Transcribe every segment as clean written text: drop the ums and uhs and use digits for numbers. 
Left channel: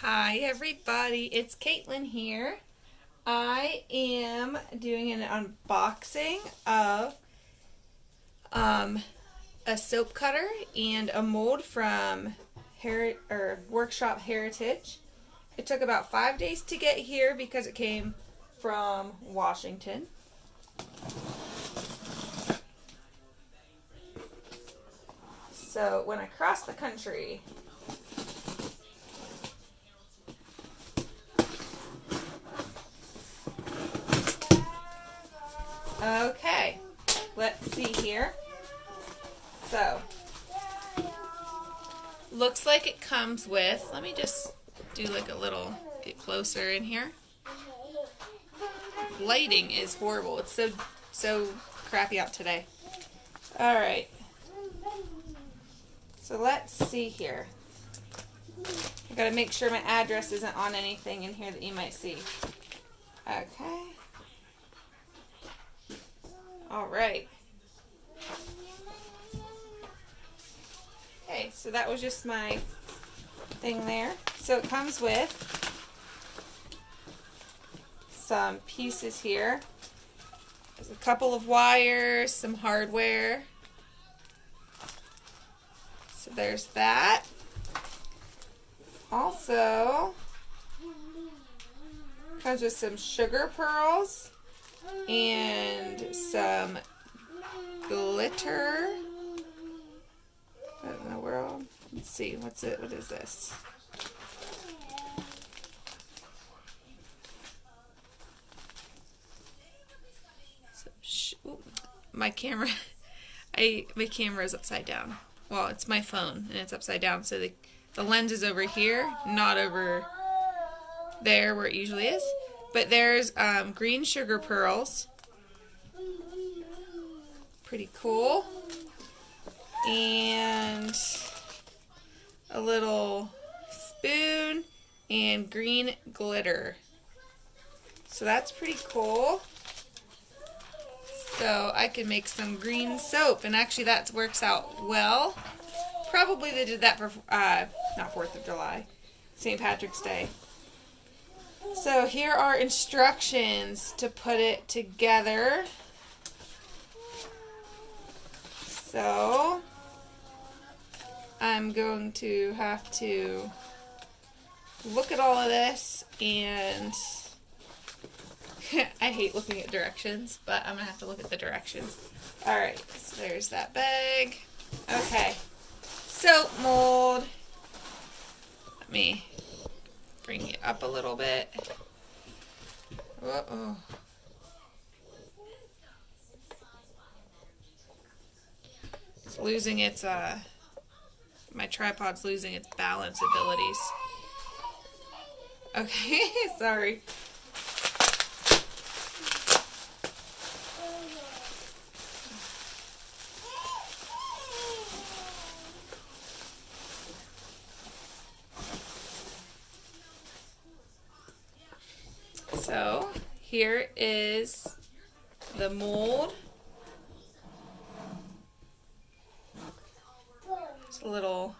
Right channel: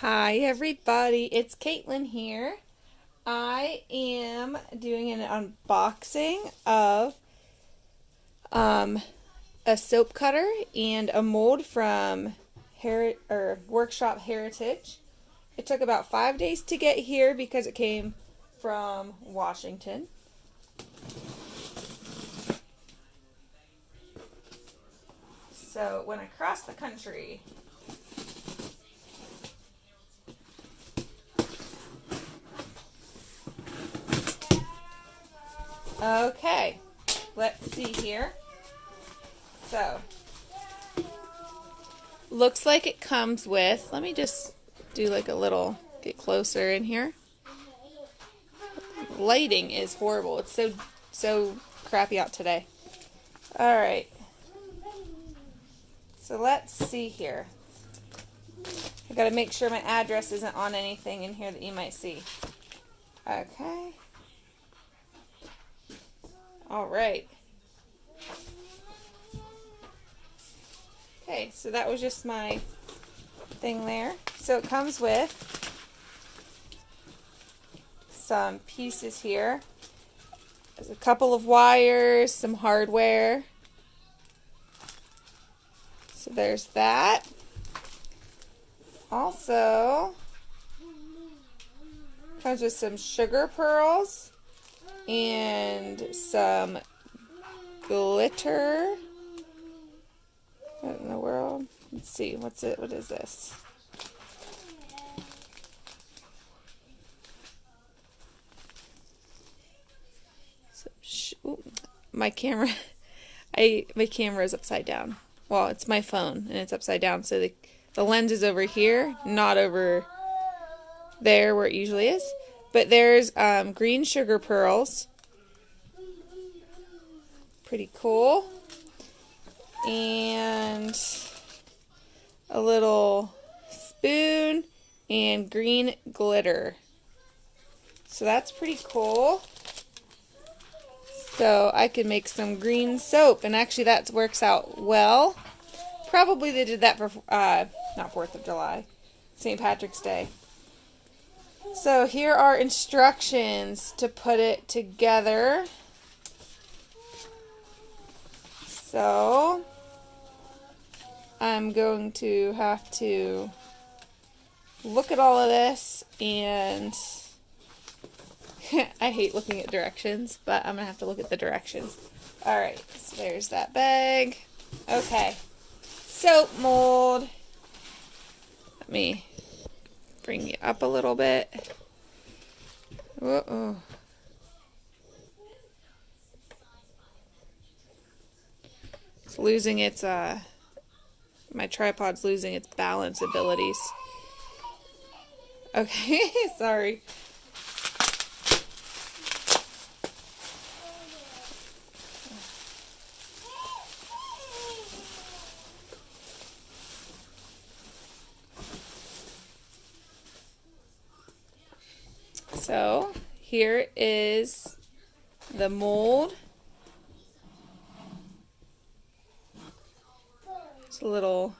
Hi everybody, it's Caitlin here. I am doing an unboxing of a soap cutter and a mold from Workshop Heritage. It took about 5 days to get here because it came from Washington. So when I crossed the country, okay, let's see here. So, looks like it comes with, let me just do like a little, get closer in here. Lighting is horrible. It's so crappy out today. Alright. So let's see here. I've got to make sure my address isn't on anything in here that you might see. Okay. Alright. Okay, so that was just my thing there. So it comes with some pieces here. There's a couple of wires, some hardware. So there's that. Also, comes with some sugar pearls and some glitter. What in the world? Let's see. What's it? What is this? My camera. My camera is upside down. Well, it's my phone and it's upside down, so the lens is over here, not over there where it usually is. But there's green sugar pearls. Pretty cool. And a little spoon and green glitter. So that's pretty cool. So I can make some green soap, and actually that works out well. Probably they did that for, not 4th of July, St. Patrick's Day. So here are instructions to put it together. So I'm going to have to look at all of this, and I hate looking at directions, but I'm going to have to look at the directions. Alright, so there's that bag. Okay, soap mold. Let me bring it up a little bit. Uh-oh. It's losing its, my tripod's losing its balance abilities. Okay, sorry. So, here is the mold. It's a little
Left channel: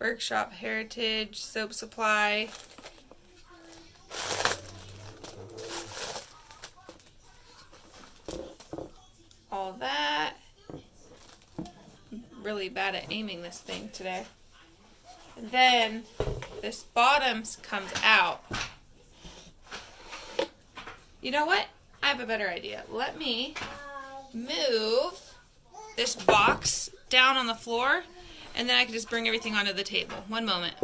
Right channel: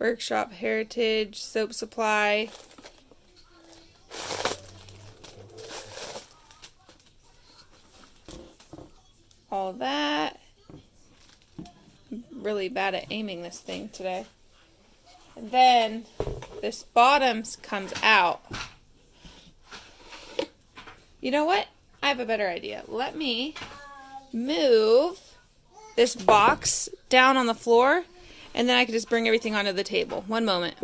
Workshop Heritage soap supply. All that. I'm really bad at aiming this thing today. And then this bottom comes out. You know what? I have a better idea. Let me move this box down on the floor, and then I can just bring everything onto the table. One moment.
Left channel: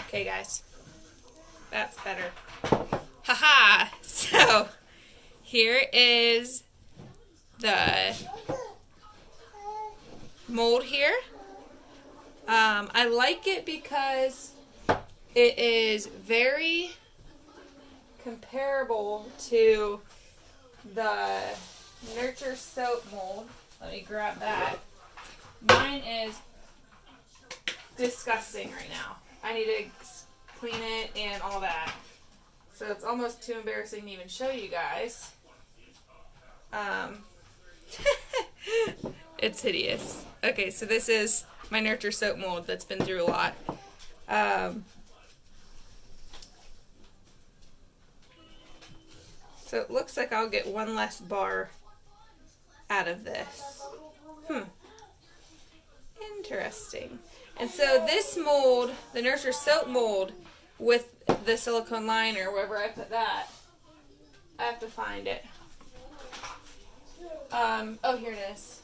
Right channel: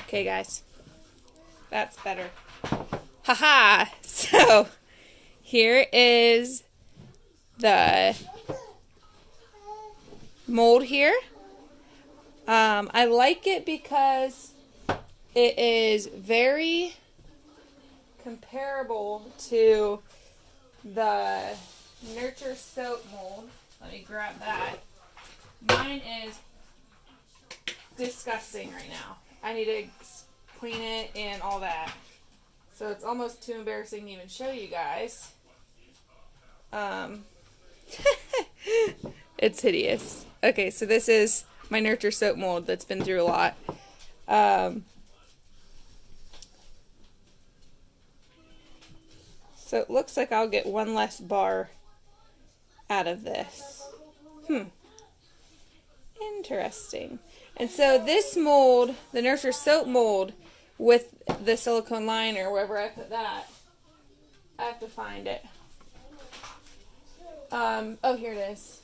Okay, guys. That's better. Haha! So, here is the mold here. I like it because it is very comparable to the Nurture soap mold. Let me grab that. Mine is disgusting right now. I need to clean it and all that. So it's almost too embarrassing to even show you guys. It's hideous. Okay, so this is my Nurture soap mold that's been through a lot. So it looks like I'll get one less bar out of this. Interesting. And so this mold, the Nurture Soap mold with the silicone liner, wherever I put that, I have to find it. Oh, here it is.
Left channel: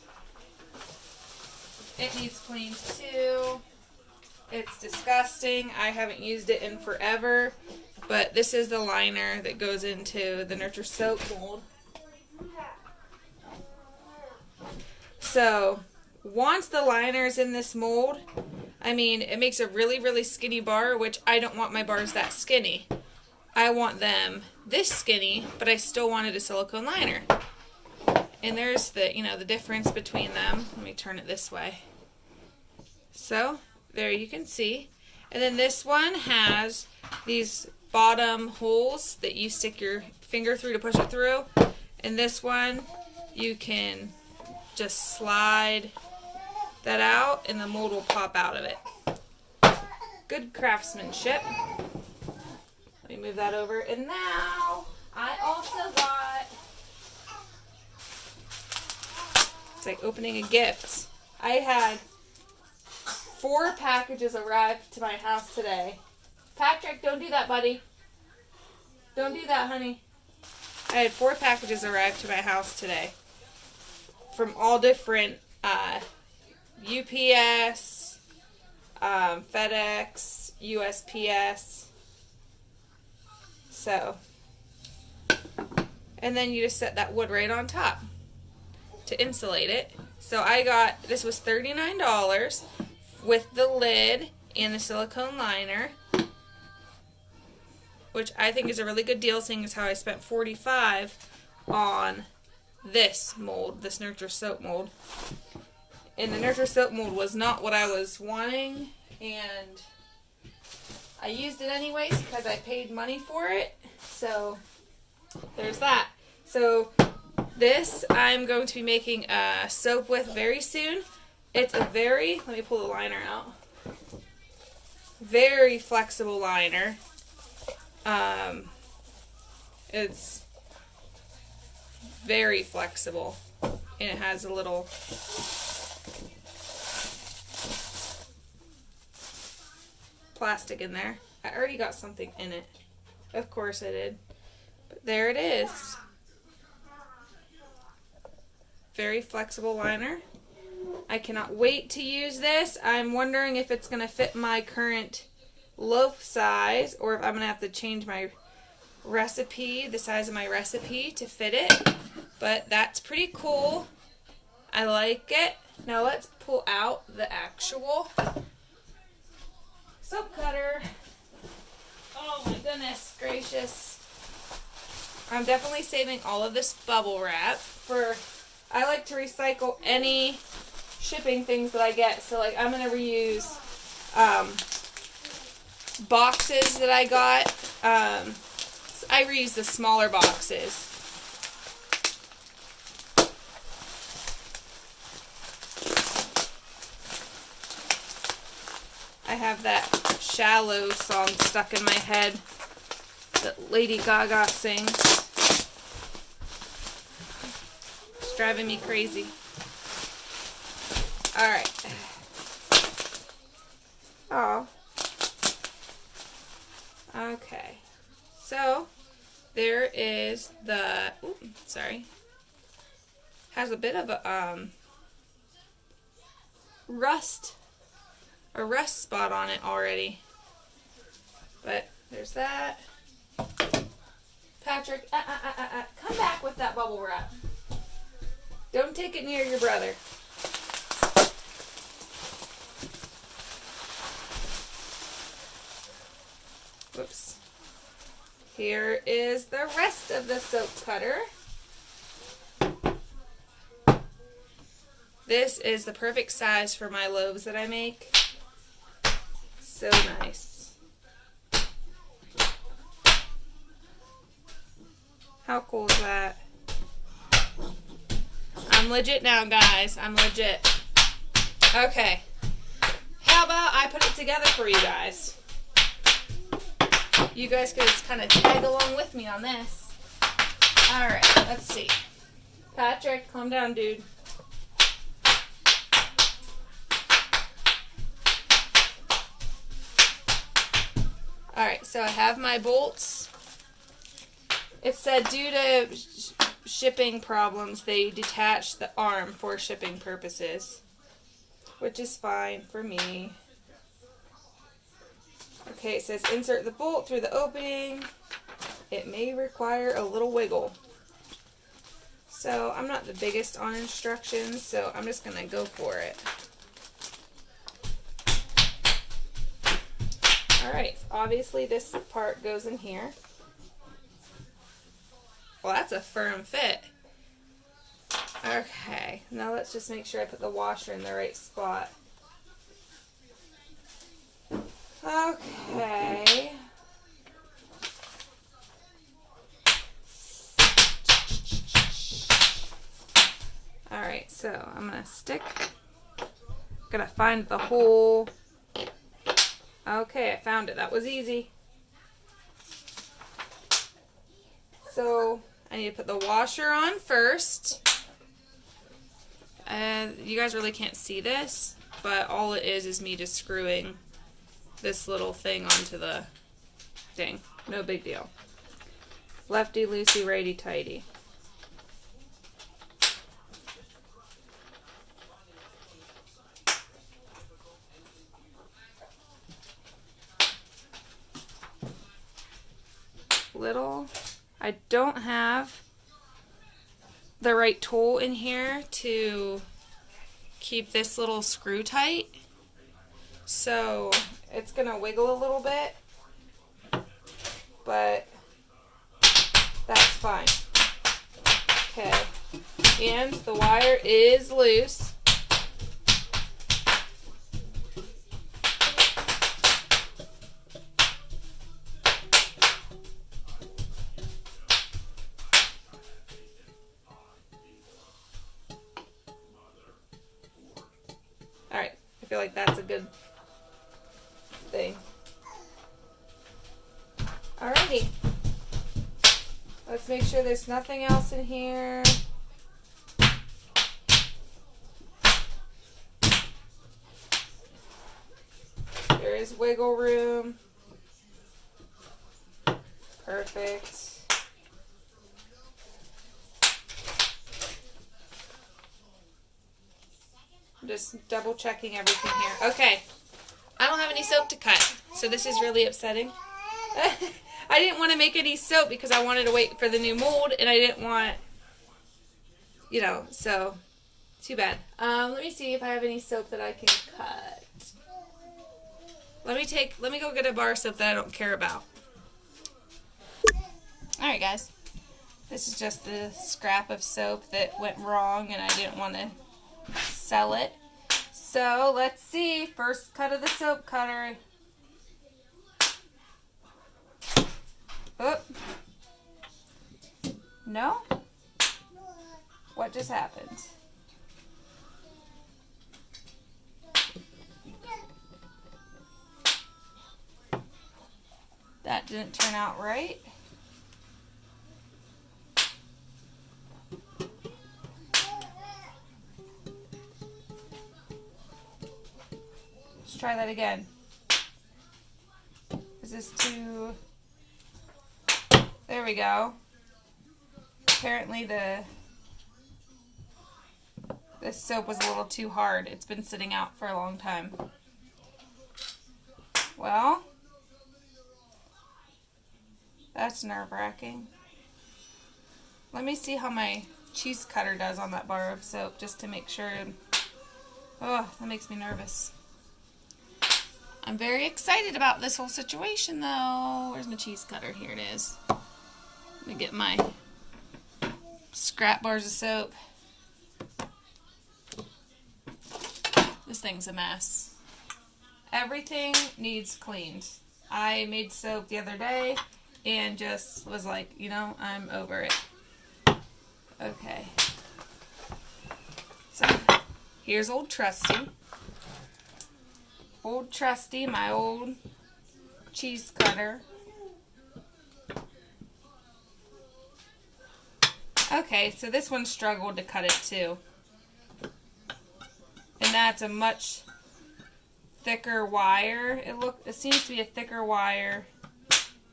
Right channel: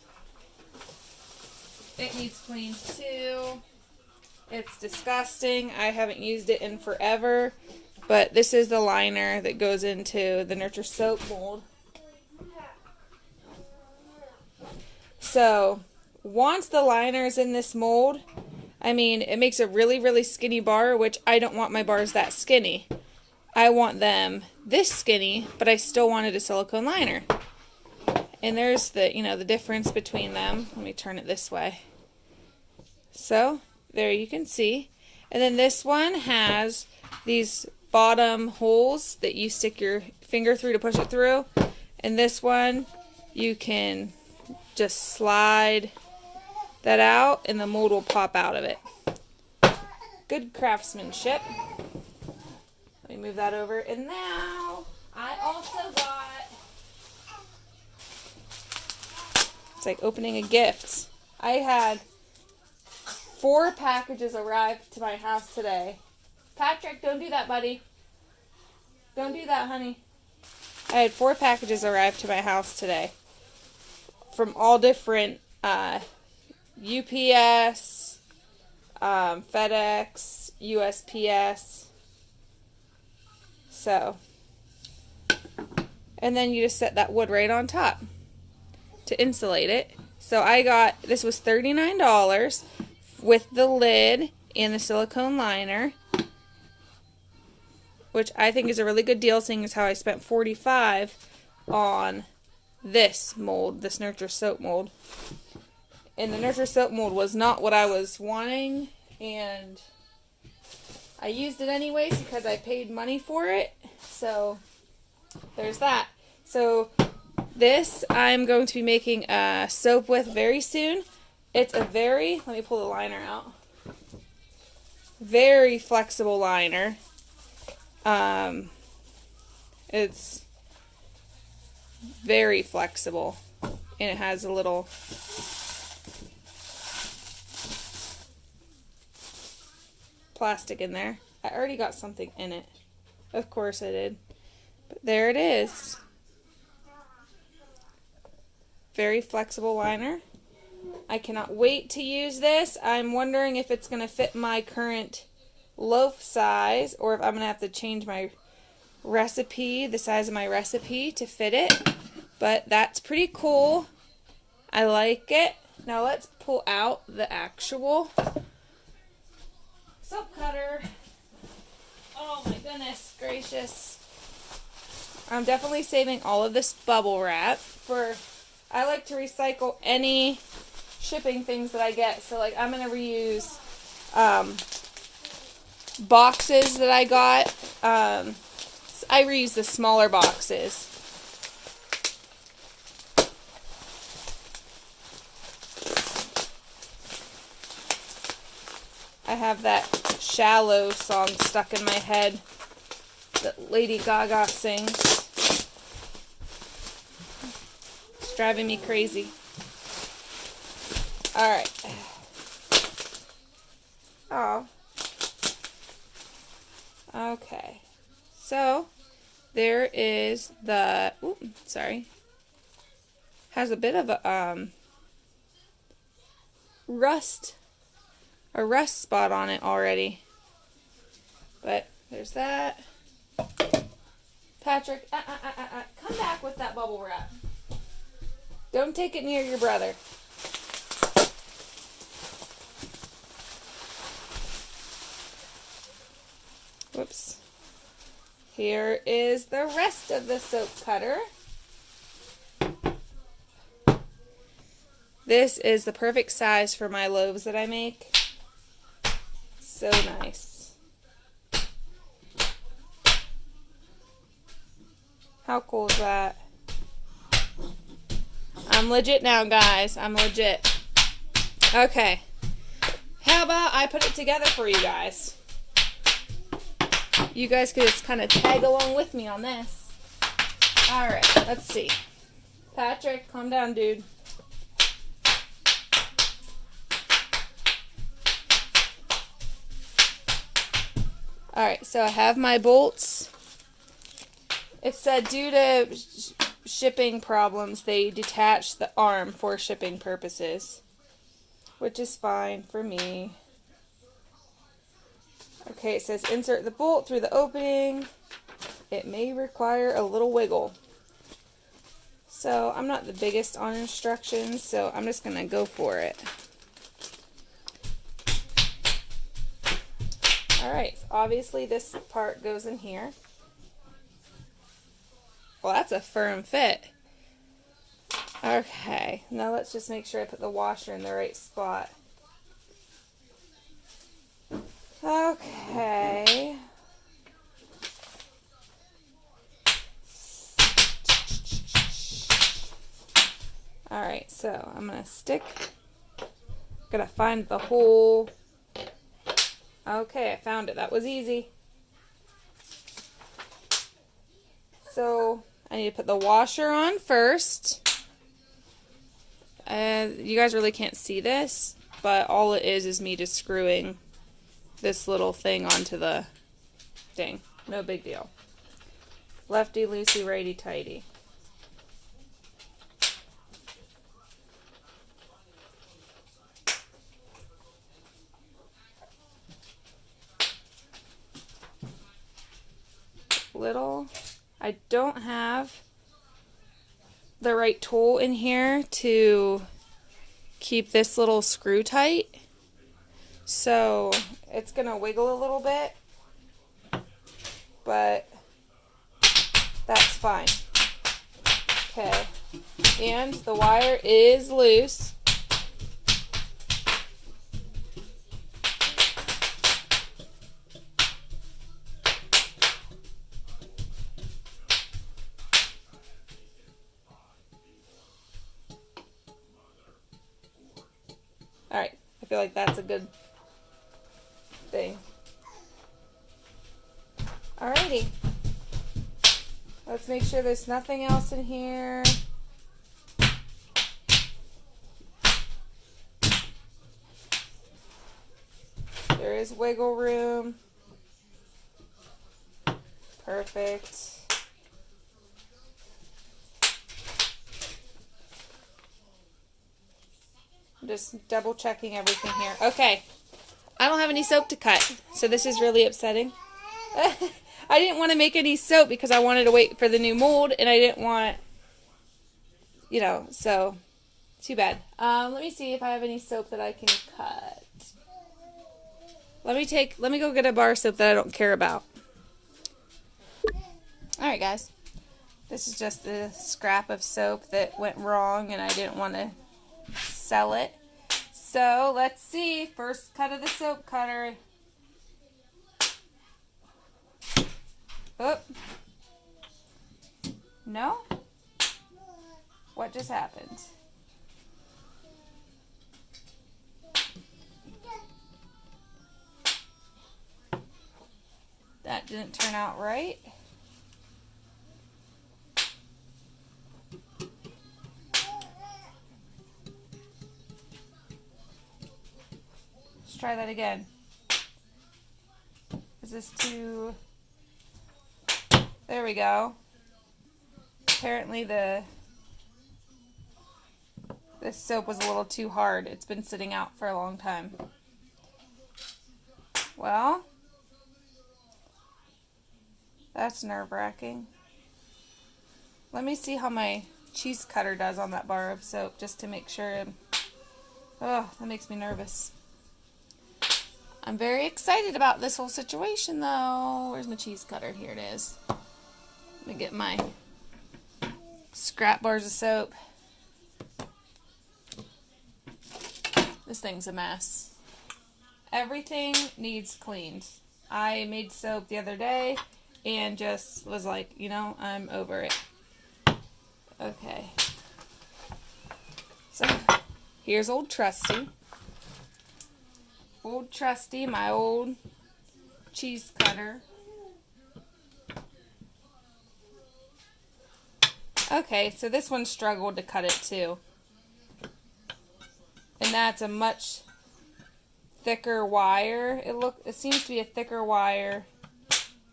It needs cleaned too. It's disgusting. I haven't used it in forever. But this is the liner that goes into the Nurture Soap mold. So, once the liner is in this mold, I mean, it makes a really, really skinny bar, which I don't want my bars that skinny. I want them this skinny, but I still wanted a silicone liner. And there's the, the difference between them. Let me turn it this way. So, there you can see. And then this one has these bottom holes that you stick your finger through to push it through. And this one, you can just slide that out and the mold will pop out of it. Good craftsmanship. Let me move that over. And now, I also got, it's like opening a gift. I had 4 packages arrive to my house today. Patrick, don't do that, buddy. Don't do that, honey. I had 4 packages arrive to my house today. From all different UPS, FedEx, USPS. So, and then you just set that wood right on top to insulate it. So I got, this was $39 with the lid and the silicone liner, which I think is a really good deal, seeing as how I spent $45 on this mold, this Nurture Soap mold. And the Nurture Soap mold was not what I was wanting, and I used it anyways because I paid money for it. So there's that. So this I'm going to be making a soap with very soon. It's a very, let me pull the liner out, very flexible liner. It's very flexible, and it has a little plastic in there. I already got something in it. Of course I did. But there it is. Very flexible liner. I cannot wait to use this. I'm wondering if it's going to fit my current loaf size, or if I'm going to have to change my recipe, the size of my recipe to fit it. But that's pretty cool. I like it. Now let's pull out the actual soap cutter. Oh my goodness gracious. I'm definitely saving all of this bubble wrap for, I like to recycle any shipping things that I get. So like I'm going to reuse boxes that I got. I reuse the smaller boxes. I have that Shallow song stuck in my head that Lady Gaga sings. It's driving me crazy. Alright. Oh. Okay. So, there is the, has a bit of a, a rust spot on it already. But, there's that. Patrick, come back with that bubble wrap. Don't take it near your brother. Whoops. Here is the rest of the soap cutter. This is the perfect size for my loaves that I make. So nice. How cool is that? I'm legit now, guys. I'm legit. Okay. how about I put it together for you guys? You guys could just kind of tag along with me on this. Alright, let's see. Patrick, calm down, dude. Alright, so I have my bolts. It said due to shipping problems, they detached the arm for shipping purposes, which is fine for me. Okay, it says insert the bolt through the opening. It may require a little wiggle. So I'm not the biggest on instructions, so I'm just going to go for it. Alright, obviously this part goes in here. Well, that's a firm fit. Okay, now let's just make sure I put the washer in the right spot. Okay. Alright, so I'm going to stick. Gotta find the hole. Okay, I found it. That was easy. So I need to put the washer on first. You guys really can't see this, but all it is me just screwing this little thing onto the thing. No big deal. Lefty loosey, righty tighty. Little. I don't have the right tool in here to keep this little screw tight, so it's gonna wiggle a little bit, but that's fine. Okay, and the wire is loose. Alright, I feel like that's a good thing. Alrighty. Let's make sure there's nothing else in here. There is wiggle room. Perfect. Just double checking everything here. Okay. I don't have any soap to cut, so this is really upsetting. I didn't want to make any soap because I wanted to wait for the new mold, and I didn't want, you know, so too bad. Let me see if I have any soap that I can cut. Let me go get a bar of soap that I don't care about. Alright guys, this is just the scrap of soap that went wrong and I didn't want to sell it. So let's see, first cut of the soap cutter. Oop. No? What just happened? That didn't turn out right. Let's try that again. Is this too... There we go. Apparently this soap was a little too hard. It's been sitting out for a long time. Well, that's nerve-wracking. Let me see how my cheese cutter does on that bar of soap just to make sure. Oh, that makes me nervous. I'm very excited about this whole situation though. Where's my cheese cutter? Here it is. Let me get my scrap bars of soap. This thing's a mess. Everything needs cleaned. I made soap the other day and just was like, you know, I'm over it. Okay. So, here's old Trusty. old trusty, my old cheese cutter. Okay, so this one struggled to cut it too. And that's a much thicker wire. It seems to be a thicker wire,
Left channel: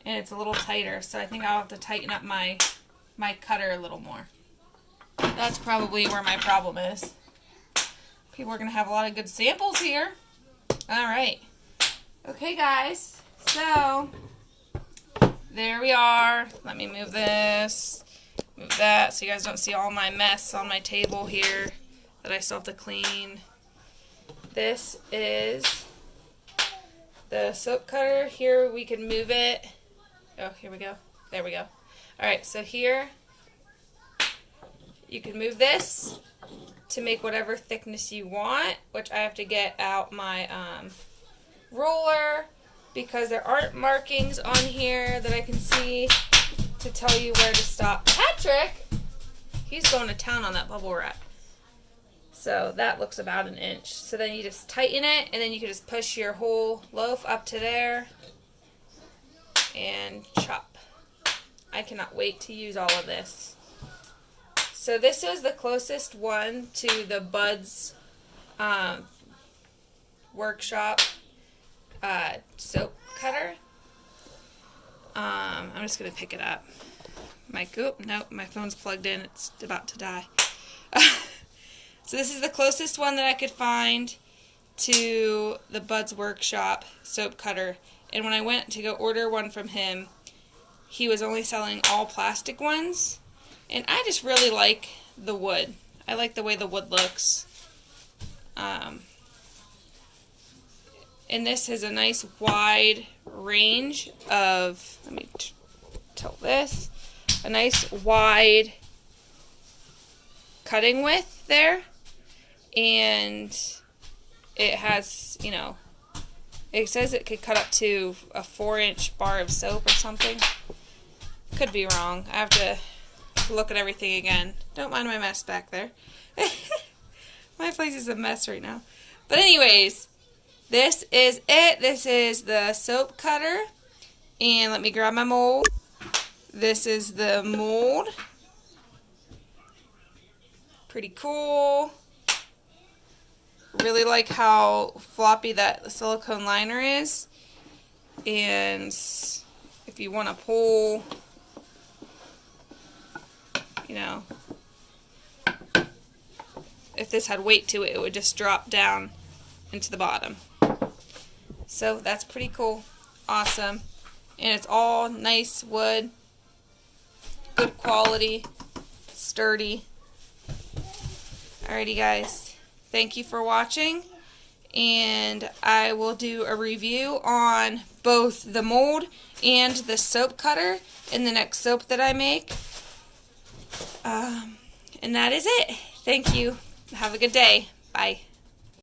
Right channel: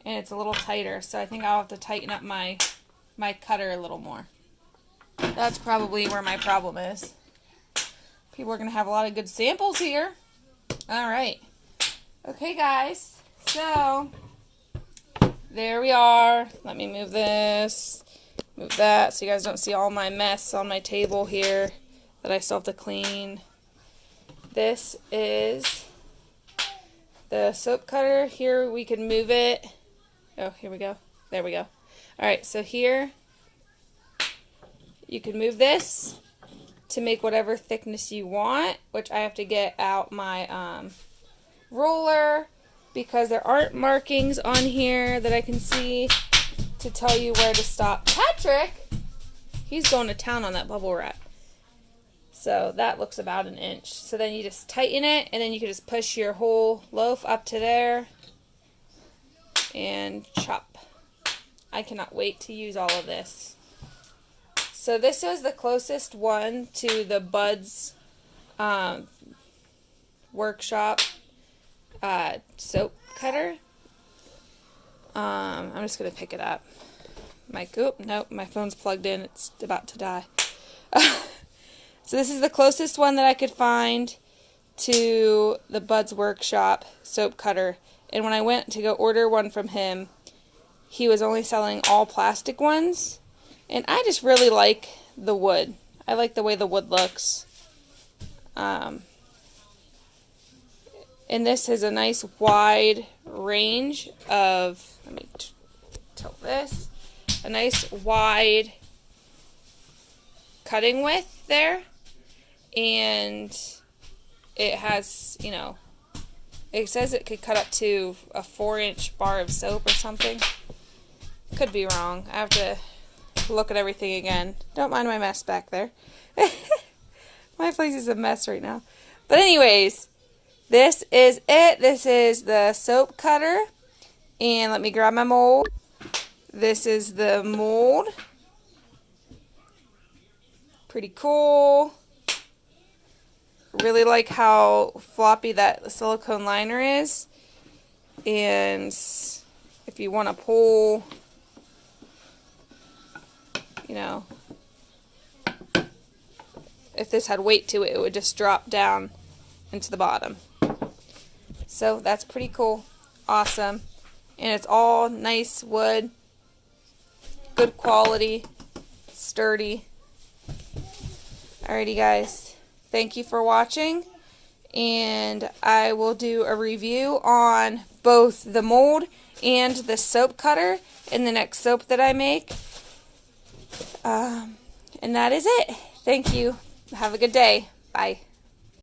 and it's a little tighter, so I think I'll have to tighten up my cutter a little more. That's probably where my problem is. People are going to have a lot of good samples here. Alright. Okay, guys. So, there we are. Let me move this. Move that so you guys don't see all my mess on my table here that I still have to clean. This is the soap cutter. Here we can move it. Oh, here we go. There we go. Alright, so here you can move this to make whatever thickness you want, which I have to get out my ruler because there aren't markings on here that I can see to tell you where to stop. Patrick, he's going to town on that bubble wrap. So that looks about an inch. So then you just tighten it, and then you can just push your whole loaf up to there and chop. I cannot wait to use all of this. So this was the closest one to the Buds Workshop soap cutter. I'm just going to pick it up. Nope, my phone's plugged in. It's about to die. So this is the closest one that I could find to the Buds Workshop soap cutter. And when I went to go order one from him, he was only selling all plastic ones. And I just really like the wood. I like the way the wood looks. And this is a nice wide range of, let me tilt this, a nice wide cutting width there. And it has, you know, it says it could cut up to a 4-inch bar of soap or something. Could be wrong. I have to look at everything again. Don't mind my mess back there. My place is a mess right now. But anyways, this is it. This is the soap cutter. And let me grab my mold. This is the mold. Pretty cool. Really like how floppy that silicone liner is. And if you want to pull, you know, if this had weight to it, it would just drop down into the bottom. So that's pretty cool. Awesome. And it's all nice wood. Good quality. Sturdy. Alrighty, guys. Thank you for watching. And I will do a review on both the mold and the soap cutter in the next soap that I make. And that is it. Thank you. Have a good day. Bye.